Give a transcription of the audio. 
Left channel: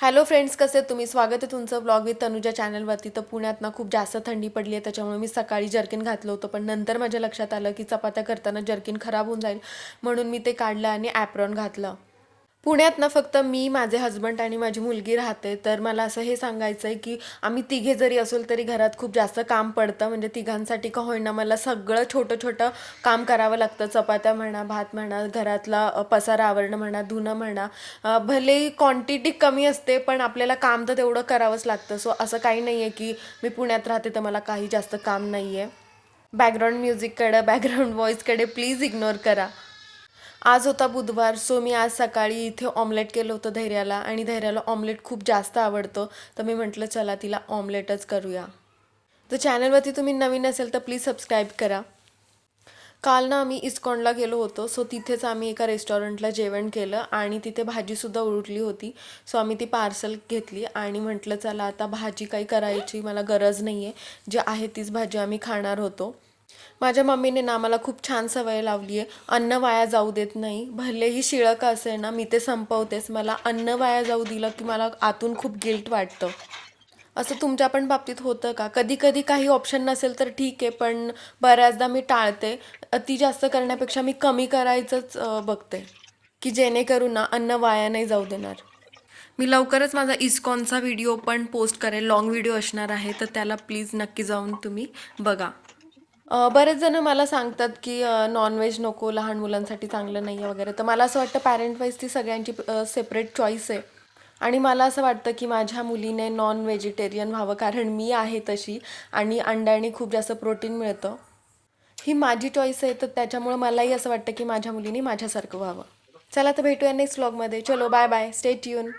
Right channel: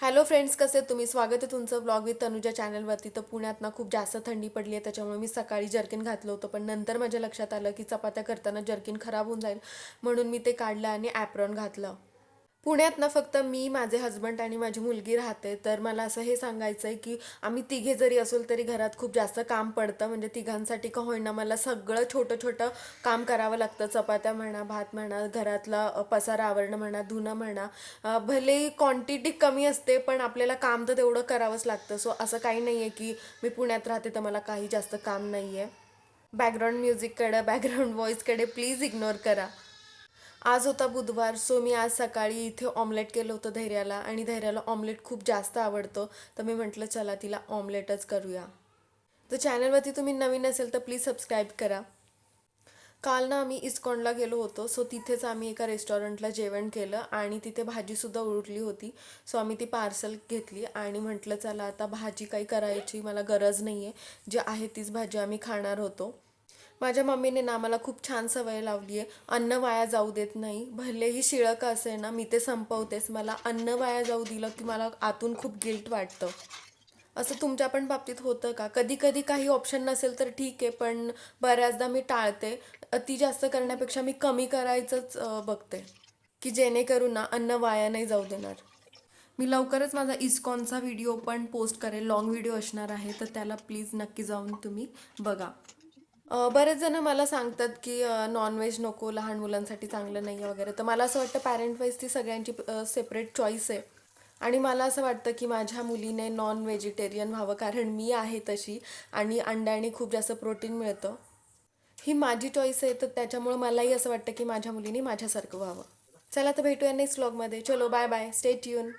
Hello friends, कसे आहेत तुम्ही? स्वागत आहे तुमचं ब्लॉग विथ तनुजा चॅनलवरती. तर पुण्यात ना खूप जास्त थंडी पडली आहे, त्याच्यामुळे मी सकाळी जर्किन घातलं होतं, पण नंतर माझ्या लक्षात आलं की चपात्या करताना जर्किन खराब होऊन जाईल, म्हणून मी ते काढलं आणि ॲप्रॉन घातलं. पुण्यात ना फक्त मी, माझे हस्बंड आणि माझी मुलगी राहते. तर मला असं हे सांगायचं आहे की आम्ही तिघे जरी असेल तरी घरात खूप जास्त काम पडतं. म्हणजे तिघांसाठी का होईना मला सगळं छोटं छोटं काम करावं लागतं. चपात्या म्हणा, भात म्हणा, घरातला पसारा आवरणं म्हणा, धुणं म्हणा. भलेही क्वांटिटी कमी असते पण आपल्याला काम तर तेवढं करावंच लागतं. सो असं काही नाही आहे की मी पुण्यात राहते तर मला काही जास्त काम नाही आहे. बॅकग्राऊंड म्युझिककडे, बॅकग्राऊंड व्हॉईसकडे प्लीज इग्नोर करा. आज होता बुधवार, सो मी आज सकाळी इथे ऑमलेट केलं होतं धैर्याला, आणि धैर्याला ऑमलेट खूप जास्त आवडतं. तर मी म्हटलं चला तिला ऑमलेटच करूया. तर चॅनलवरती तुम्ही नवीन असेल तर प्लीज सबस्क्राईब करा. काल ना आम्ही इस्कॉनला गेलो होतो, सो तिथेच आम्ही एका रेस्टॉरंटला जेवण केलं आणि तिथे भाजीसुद्धा उरली होती. सो आम्ही ती पार्सल घेतली आणि म्हटलं चला आता भाजी काही करायची मला गरज नाही आहे, जी आहे तीच भाजी आम्ही खाणार होतो. माझ्या मम्मीने ना मला खूप छान सवय लावली आहे, अन्न वाया जाऊ देत नाही. भलेही शिळं का असेल ना, मी ते संपवतेच. मला अन्न वाया जाऊ दिलं की मला आतून खूप गिल्ट वाटतं. असं तुमच्या पण बाबतीत होतं का? कधी कधी काही ऑप्शन नसेल तर ठीक आहे, पण बऱ्याचदा मी टाळते. अति जास्त करण्यापेक्षा मी कमी करायचंच बघते, की जेणेकरून ना अन्न वाया नाही जाऊ देणार. मी लवकरच माझा इस्कॉनचा व्हिडिओ पण पोस्ट करेल, लॉंग व्हिडिओ असणार आहे, तर त्याला प्लीज नक्की जाऊन तुम्ही बघा. बरेच जण मला सांगतात की नॉनव्हेज नको, लहान मुलांसाठी चांगलं नाही आहे वगैरे. तर मला असं वाटतं पॅरेंट वाईज ती सगळ्यांची सेपरेट चॉईस आहे. आणि मला असं वाटतं की माझ्या मुलीने नॉन व्हेजिटेरियन व्हावं, कारण मी आहे तशी, आणि अंड्याने खूप जास्त प्रोटीन मिळतं. ही माझी चॉईस आहे, तर त्याच्यामुळे मलाही असं वाटतं की माझ्या मुलीने माझ्यासारखं व्हावं. चला तर भेटूया नेक्स्ट व्लॉगमध्ये. चलो बाय बाय, स्टे ट्यून.